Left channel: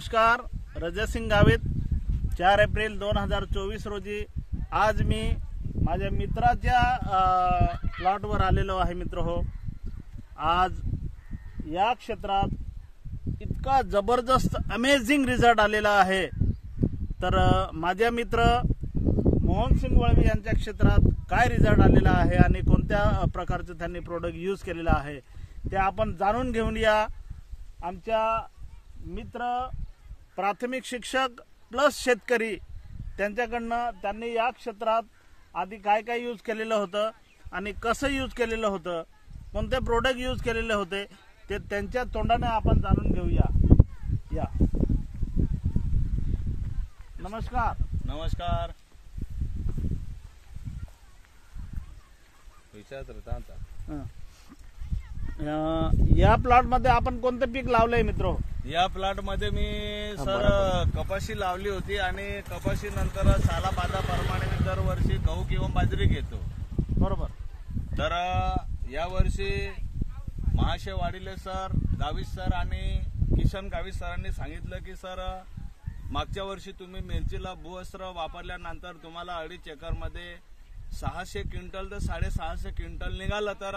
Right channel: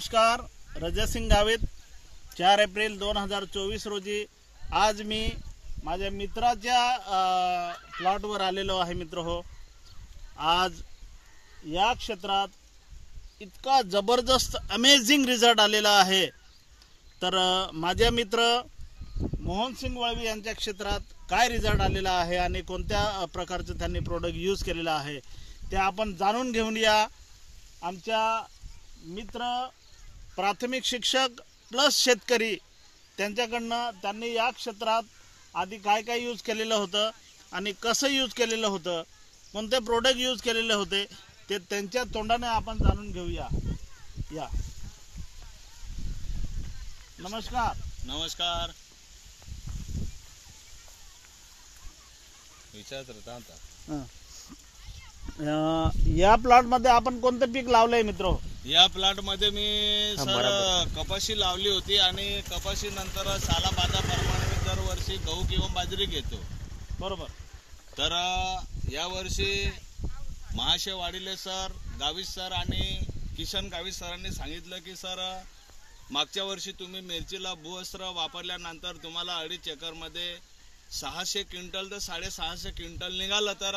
नमस्कार, रजतसिंग गावित 4 एप्रिल 2024 रोजी आज मी माझ्या मित्राच्या प्लॉटवर आलेलो आहे. मित्र हो, आज या क्षेत्रात इतका जबरदस्त अमेझिंग रिझल्ट आलेला आहे. तर माझ्या मित्र मोहनसिंग वळवी यांच्या क्षेत्रात काय रिझल्ट आलेला आहे आणि कोणत्या प्रकारचे त्यांनी प्रोडक्ट यूज केलेला आहे ते आपण जाणून घेऊन या. आमच्या मित्र प्राथमिक शिक्षक प्लस शेतकरी त्यांच्याकडनं त्यांनी या क्षेत्रात आधी काय काय यूज केलेलं होतं आणि कसं यूज केलेलं होतं, कोणते प्रोडक्ट यूज केलेले होते ते त्यांच्या तोंडाने आपण जाणून घेऊया. या नमस्कार. नमस्कार. विचारत आता या प्लॉट मध्ये आपण कोणतं पीक लावलंय मित्र? या प्लॉट मध्ये मी सर कपाशी लावली होती आणि कपाशी नंतर सालाबादाप्रमाणे मी दरवर्षी गहू किंवा बाजरी घेतो. बरोबर. तर या वर्षी महाशय वाडिले सर, गावित सर आणि किशन गावित सरांनी सांगितलं की सर मागच्या वर्षी तुम्ही मिरचीला भूअस्त्र वापरल्यानंतर तुम्हाला 2.5 एकरमध्ये 600 क्विंटल तर 650 क्विंटल निघालं. तर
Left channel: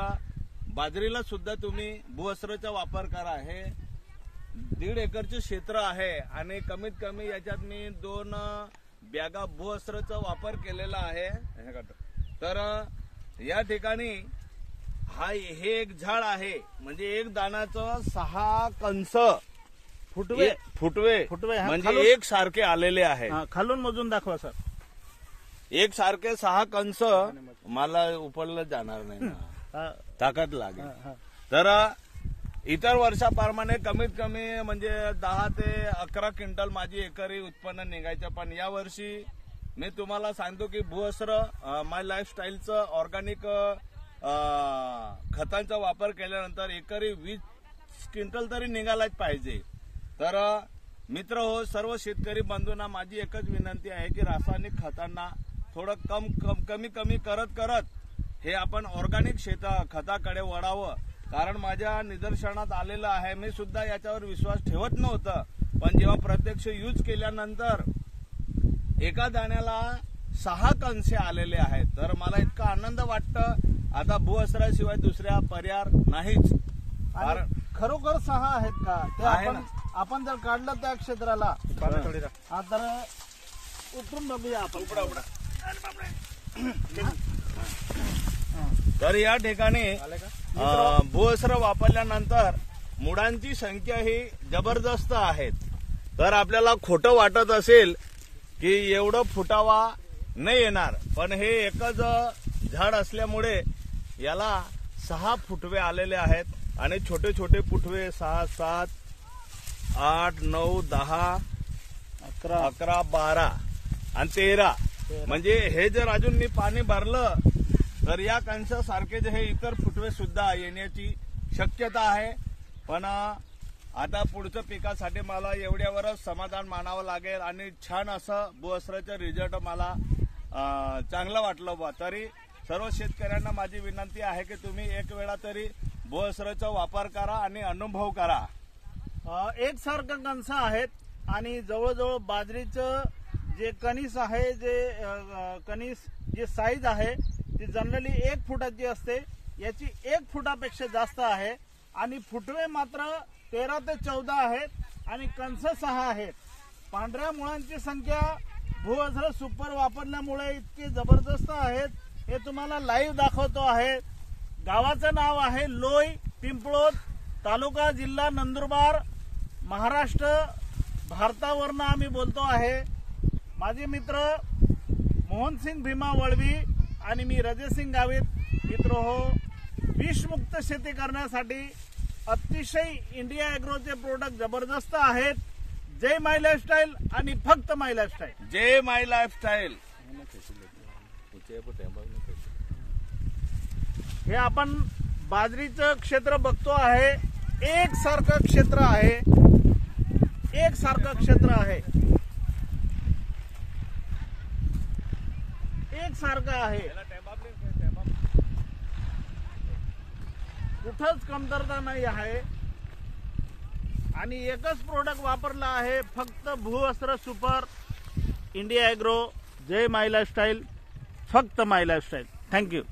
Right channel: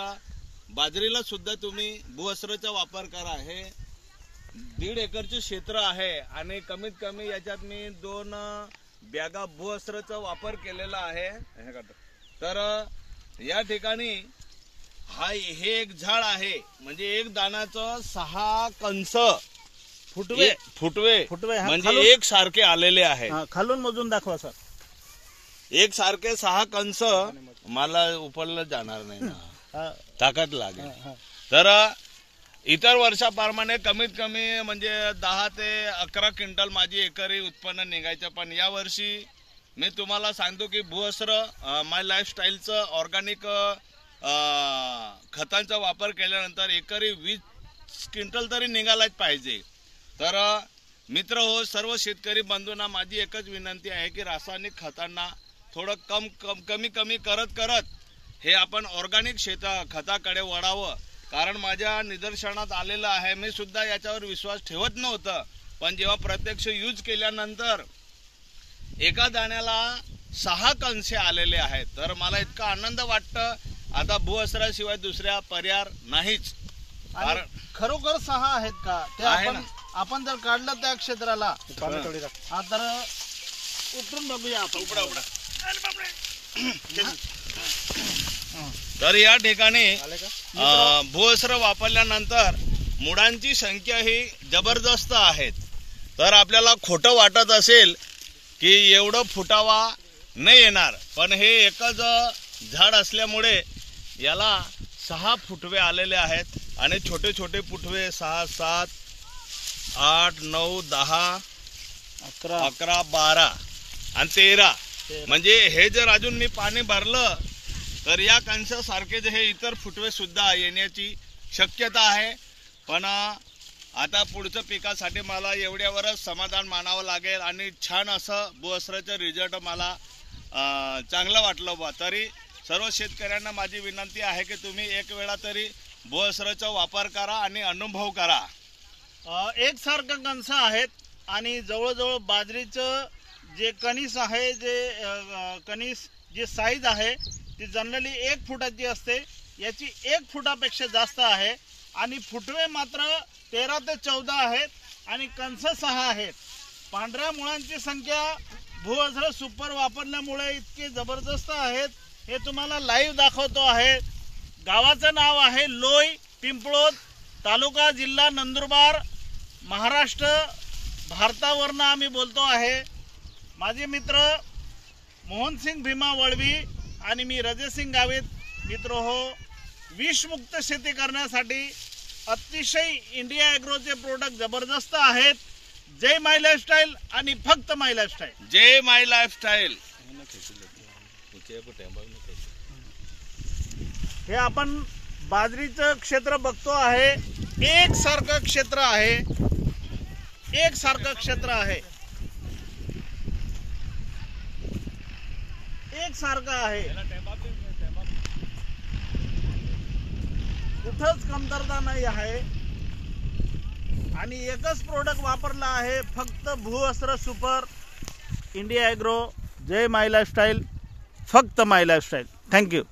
बाजरीला सुद्धा तुम्ही भूअस्त्रचा वापर करा. हे 1.5 एकरचे क्षेत्र आहे आणि कमीत कमी याच्यात मी 2 बॅगा भूअस्त्रचा वापर केलेला आहे. तर या ठिकाणी हे एक झाड आहे, म्हणजे एक दाण्याचं 6 कंस फुटवे म्हणजे एक सारखे आलेले आहे. खालून मोजून दाखवा सर. एक सारखे 6 कंस मला उपरलं जाणार नाही ना, ताकद लागेल. तर इतर वर्षाप्रमाणे कमीत कमी म्हणजे 10 ते 11 क्विंटल माझी एकरी उत्पन्न निघायचं. पण या वर्षी मी तुम्हाला सांगतो की भूअस्त्र माय लाईफस्टाईलचं ऑर्गॅनिक खतांचा वापर केल्यानंतर एकरी 20 क्विंटल तरी निघायलाच पाहिजे. तर मित्र हो, सर्व शेतकरी बंधूंना माझी एकच विनंती आहे की रासायनिक खतांना थोडं कमी करत हे आपण ऑर्गॅनिक खताकडे वळावं. कारण माझ्या निदर्शनात आलेलं आहे, मी सुद्धा याच्यावर विश्वास ठेवत नव्हतं, पण जेव्हा प्रत्यक्ष यूज केल्यानंतर एका दाण्याला 6 कंसे आलेले आहेत. तर मला इतका आनंद वाटतं, आता भूअस्त्राशिवाय दुसऱ्या पर्याय नाहीच. कारण खरोखर 6 आहेत का ते आपण जर काढलं त्या क्षेत्राला तर उतरून बघूया आपण. तर या ठिकाणी भूअस्त्र वापरल्यानंतर मुळांची संख्या ही जबरदस्त आहेत. तर आपल्याला खोटं वाटत असेल की एवढं फुटावा नाही येणार, पण हे एकच झाड असल्यामुळे याला 6 फुटवे आलेले आहेत आणि छोटे छोटे फुटवे 6, 7, 8, 9, 10, 11, 12 आणि 13. म्हणजे हे जर अजून मी पाणी भरलं तर या कंसासारखे जे हे इतर फुटवे सुद्धा येण्याची शक्यता आहे. पण आता पुढच्या पिकासाठी मला एवढ्यावरच समाधान मानावं लागेल आणि छान असं भूअस्त्राचं रिझल्ट मला चांगलं वाटलं बा. तरी सर्व शेतकऱ्यांना माझी विनंती आहे की तुम्ही एक वेळा तरी भूअस्त्राचा वापर करा आणि अनुभव करा. एकसारखं कणस आहेत आणि जवळजवळ बाजरीचं जे कणीस आहे, जे कणीस जे साईज आहे ती जनरली 1 फुटाची असते, याची 1 फुटापेक्षा जास्त आहे आणि फुटवे मात्र 13 ते 14 आहेत आणि कंस 6 आहेत. पांढऱ्या मुळांची संख्या भूअस्त्र सुपर वापरल्यामुळे इतके जबरदस्त आहेत. हे तुम्हाला लाईव्ह दाखवतो आहे. गावाचं नाव आहे लोई पिंपळोद, तालुका जिल्हा नंदुरबार, महाराष्ट्र, भारतावरनं आम्ही बोलतो आहे. माझे मित्र मोहनसिंग भीमा वळवी आणि मी रजतसिंग गावित. मित्र हो, विषमुक्त शेती करण्यासाठी अतिशय इंडिया ॲग्रोचे प्रोडक्ट जबरदस्त आहेत. जय माय लाईफस्टाईल आणि फक्त माय लाईफस्टाईल. जय माय लाईफस्टाईल. हे आपण बाजरीचं क्षेत्र बघतो आहे. एकसारखं क्षेत्र आहे, एकसारखं क्षेत्र आहे, एकसारखं आहे. कुठंच कमतरता नाही आहे. आणि एकच प्रोडक्ट वापरला आहे फक्त भूवस्त्र सुपर, इंडिया ॲग्रो, जय माय लाईफस्टाईल, फक्त माय लाईफस्टाईल. थँक्यू.